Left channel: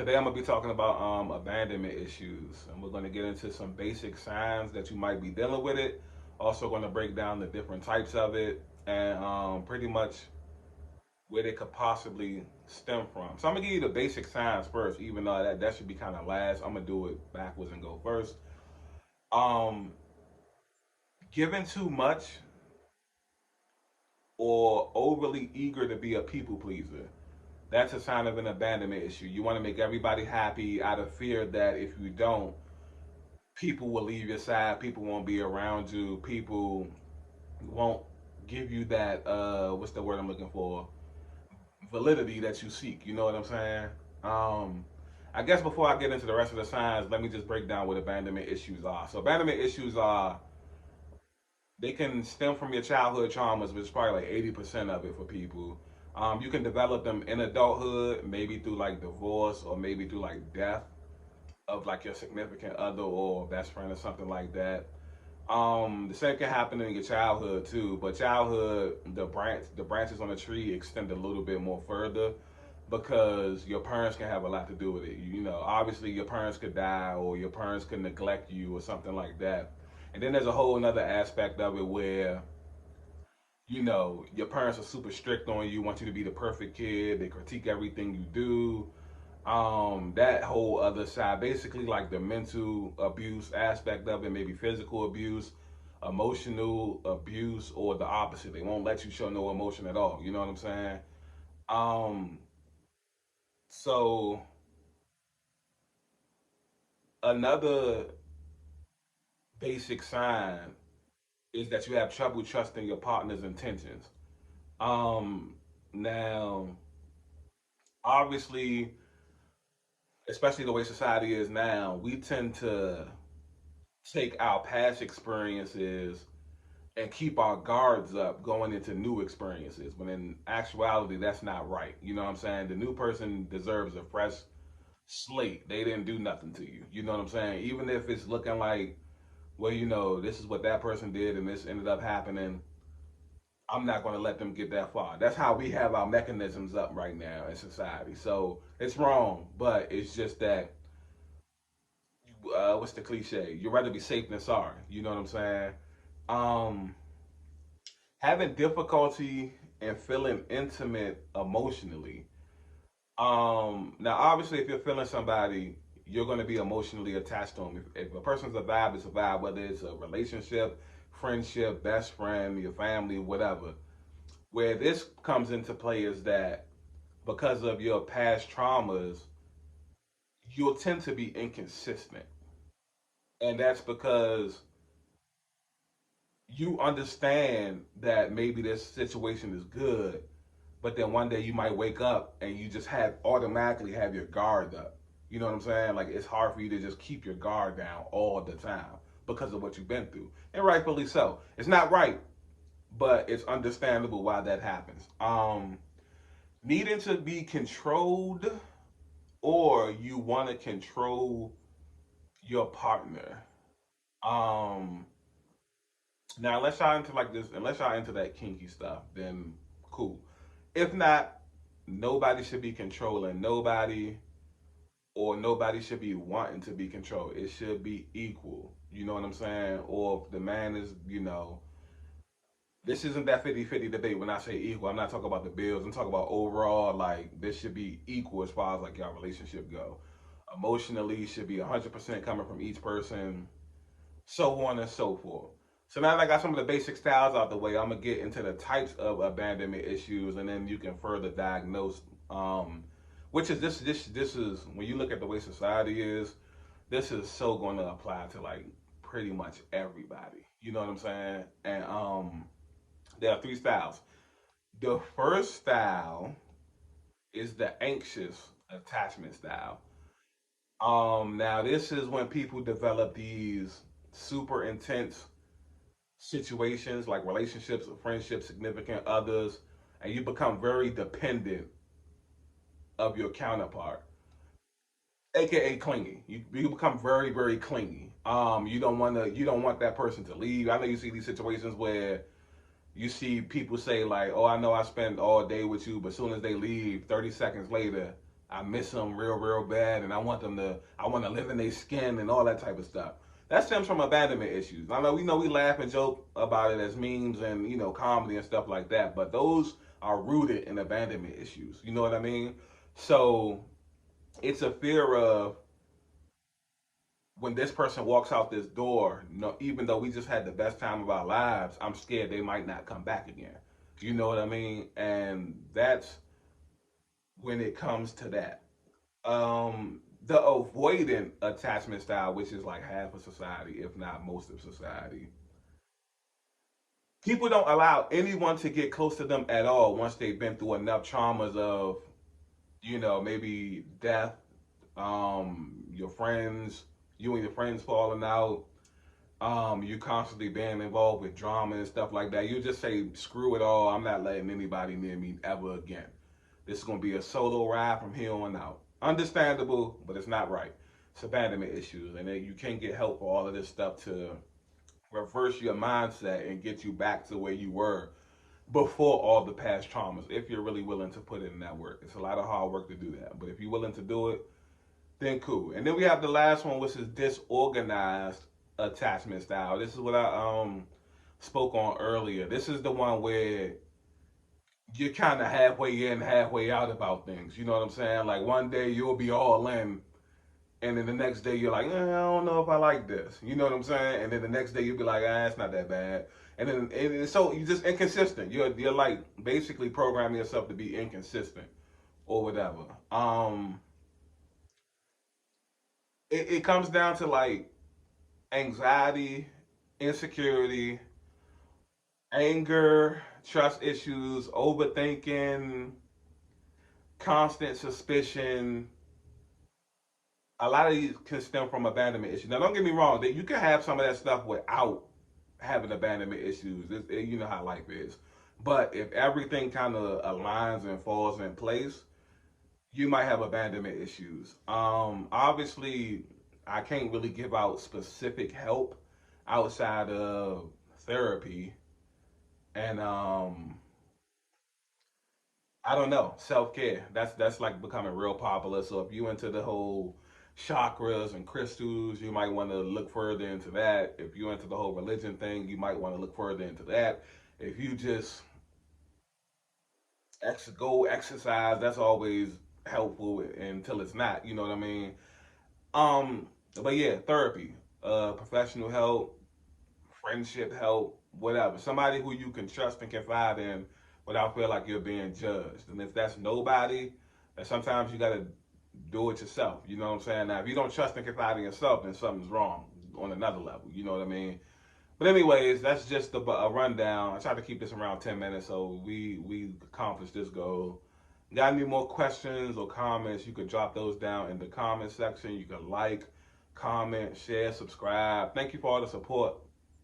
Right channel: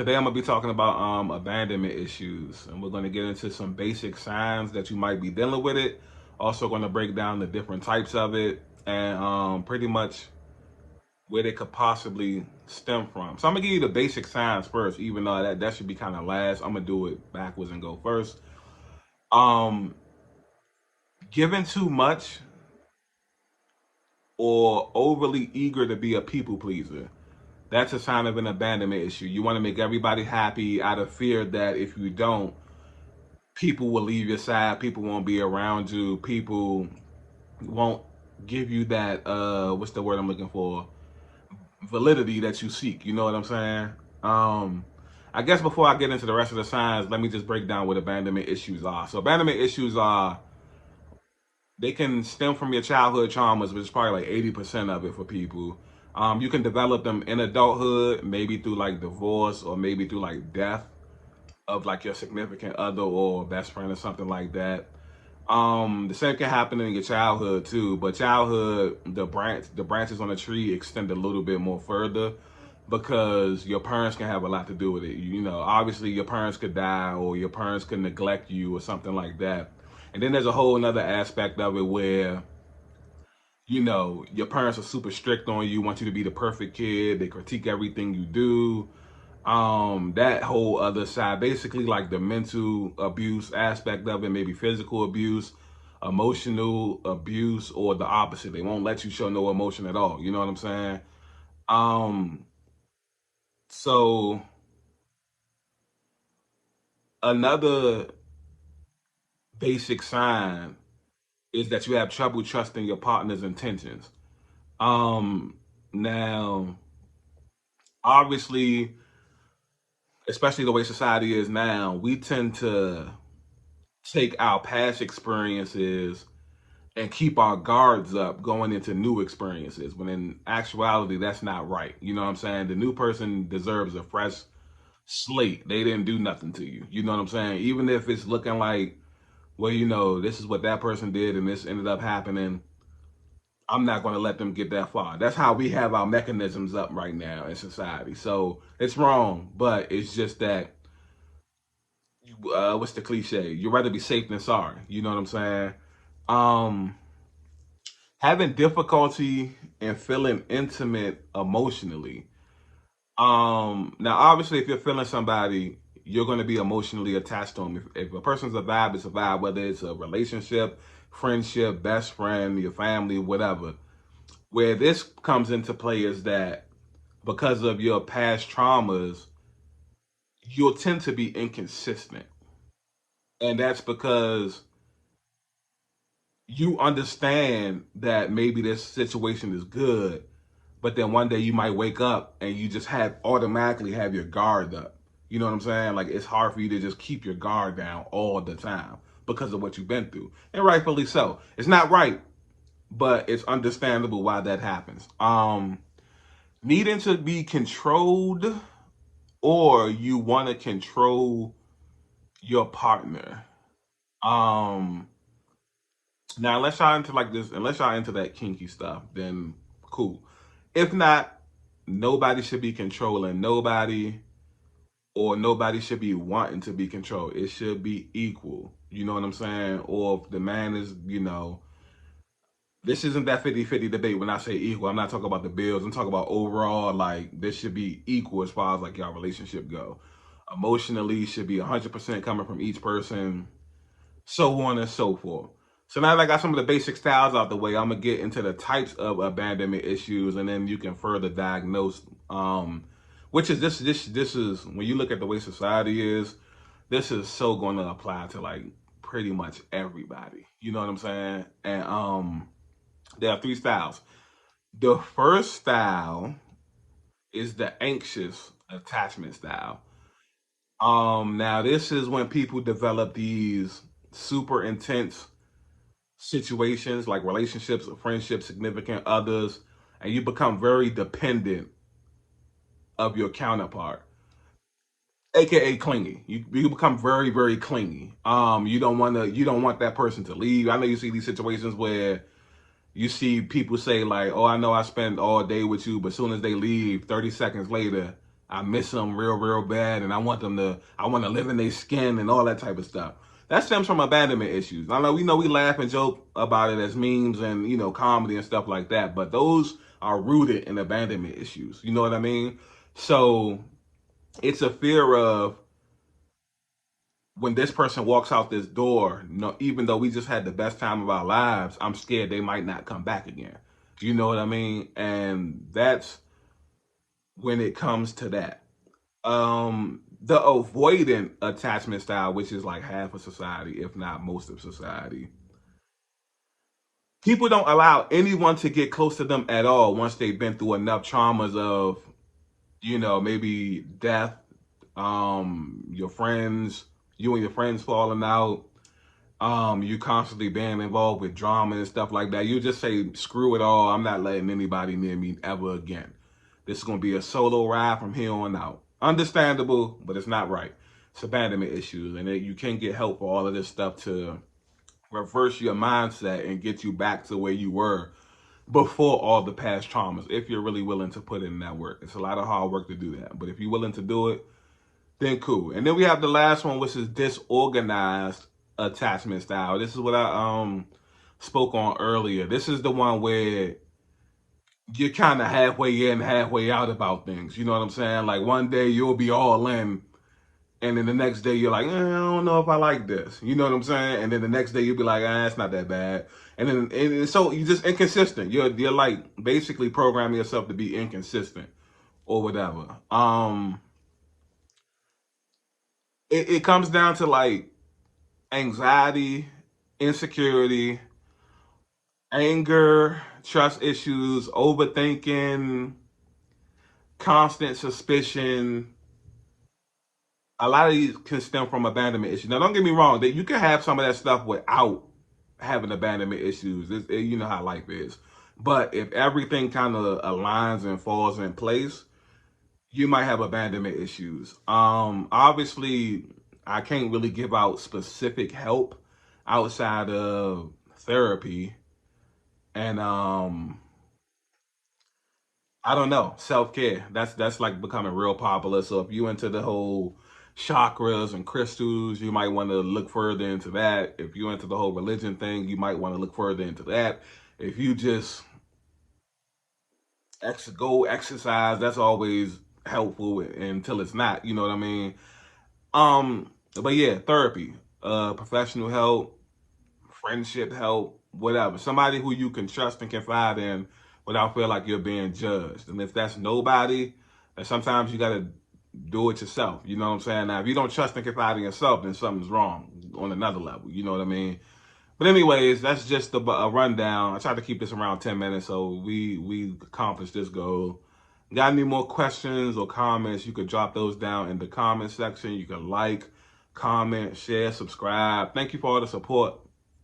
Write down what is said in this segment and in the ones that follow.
Today I'm gonna be talking about abandonment issues, and we're gonna get into some basic signs that you might be dealing with it. Also, gonna break down the different types of it, and pretty much where they could possibly stem from. So I'm gonna give you the basic signs first, even though that should be kind of last. I'm gonna do it backwards and go first. Um, Giving too much or overly eager to be a people pleaser. That's a sign of an abandonment issue. You want to make everybody happy out of fear that if you don't, people will leave your side, people won't be around you, people won't give you that what's the word I'm looking for, validity that you seek. You know what I'm saying? um I guess before I get into the rest of the signs, let me just break down what abandonment issues are. So abandonment issues are, they can stem from your childhood traumas, which is probably like 80% of it for people. You can develop them in adulthood, maybe through like divorce or maybe through like death of like your significant other or best friend or something like that. The same can happen in your childhood too, but childhood, the branches on the tree extend a little bit more further because your parents can have a lot to do with it. You know, obviously your parents could die or your parents could neglect you or something like that. And then there's a whole another aspect of it where, you know, your parents are super strict on you, want you to be the perfect kid, they critique everything you do. That whole other side, basically like the mental abuse aspect of it, maybe physical abuse, emotional abuse, or the opposite. They won't let you show no emotion at all. You know what I'm saying? Um, so another basic sign is that you have trouble trusting your partner's intentions. Um, Now, obviously, especially the way society is now, we tend to take our past experiences and keep our guards up going into new experiences, when in actuality that's not right. You know what I'm saying? The new person deserves a fresh slate. They didn't do nothing to you. You know what I'm saying? Even if it's looking like, well, you know, this is what that person did and this ended up happening, I'm not going to let them get that far. That's how we have our mechanisms up right now in society. So it's wrong, but it's just that, what's the cliche? You'd rather be safe than sorry. You know what I'm saying? Um, Having difficulty in feeling intimate emotionally. Now obviously, if you're feeling somebody, you're going to be emotionally attached to them. If a person's a vibe, it's a vibe, whether it's a relationship, friendship, best friend, your family, whatever. Where this comes into play is that because of your past traumas, you'll tend to be inconsistent. And that's because you understand that maybe this situation is good, but then one day you might wake up and you just have automatically have your guard up. You know what I'm saying? Like, it's hard for you to just keep your guard down all the time because of what you've been through. And rightfully so. It's not right, but it's understandable why that happens. Needing to be controlled, or you want to control your partner. Um Now, unless y'all into like this, unless y'all into that kinky stuff, then cool. If not, nobody should be controlling nobody, or nobody should be wanting to be controlled. It should be equal. You know what I'm saying? Or if the man is, you know, this isn't that 50-50 debate. When I say equal, I'm not talking about the bills. I'm talking about overall, like, this should be equal as far as like y'all relationship go. Emotionally should be 100% coming from each person, so on and so forth. So now that I got some of the basic styles out the way, I'm gonna get into the types of abandonment issues, and then you can further diagnose. Which is this is when you look at the way society is, this is so going to apply to like pretty much everybody. You know what I'm saying? And there are three styles. The first style is the anxious attachment style. Now this is when people develop these super intense situations like relationships, friendships, significant others, and you become very dependent of your counterpart, aka clingy. You become very very clingy. You don't want that person to leave. I know you see these situations where you see people say like, "Oh, I know I spent all day with you," but as soon as they leave, 30 seconds later, I miss them real bad, and I want to live in their skin and all that type of stuff. That stems from abandonment issues. I know we laugh and joke about it as memes and comedy and stuff like that, but those are rooted in abandonment issues. You know what I mean? So it's a fear of when this person walks out this door, even though we just had the best time of our lives, I'm scared they might not come back again. You know what I mean? And that's when it comes to that. The avoidant attachment style, which is like half of society, if not most of society. People don't allow anyone to get close to them at all once they've been through enough traumas of, maybe death, your friends, you and your friends falling out, you constantly being involved with drama and stuff like that. You just say, screw it all, I'm not letting anybody near me ever again. This is gonna be a solo ride from here on out. Understandable, but it's not right. It's abandonment issues, and you can't get help for all of this stuff to reverse your mindset and get you back to where you were before all the past traumas, if you're really willing to put in that work. It's a lot of hard work to do that, but if you're willing to do it, then cool. And then we have the last one, which is disorganized attachment style. This is what I spoke on earlier. This is the one where you're kind of halfway in, halfway out about things. You know what I'm saying? Like one day you'll be all in, and then the next day you're like, I don't know if I like this. You know what I'm saying? And then the next day you'll be like, it's not that bad. And then so you're just inconsistent. You're like basically programming yourself to be inconsistent or whatever. It comes down to like anxiety, insecurity, anger, trust issues, overthinking, constant suspicion. A lot of these can stem from abandonment issues. Now, don't get me wrong, that you can have some of that stuff without having abandonment issues. You know how life is. But if everything kind of aligns and falls in place, you might have abandonment issues. Obviously, I can't really give out specific help outside of therapy and I don't know, self-care. That's like becoming real popular. So if you into the whole chakras and crystals, you might want to look further into that. If you into the whole religion thing, you might want to look further into that. If you just go exercise, that's always helpful until it's not. You know what I mean? But yeah, therapy, professional help, friendship help, whatever. Somebody who you can trust and confide in without feeling like you're being judged. And if that's nobody, then sometimes you gotta do it yourself. You know what I'm saying? Now, if you don't trust and confide in yourself, then something's wrong on another level. You know what I mean? But anyways, that's just a rundown. I tried to keep this around 10 minutes, so we accomplished this goal. Got any more questions or comments, you could drop those down in the comment section. You can like, comment, share, subscribe. Thank you for all the support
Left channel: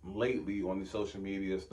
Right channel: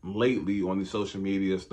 lately on the social media stuff.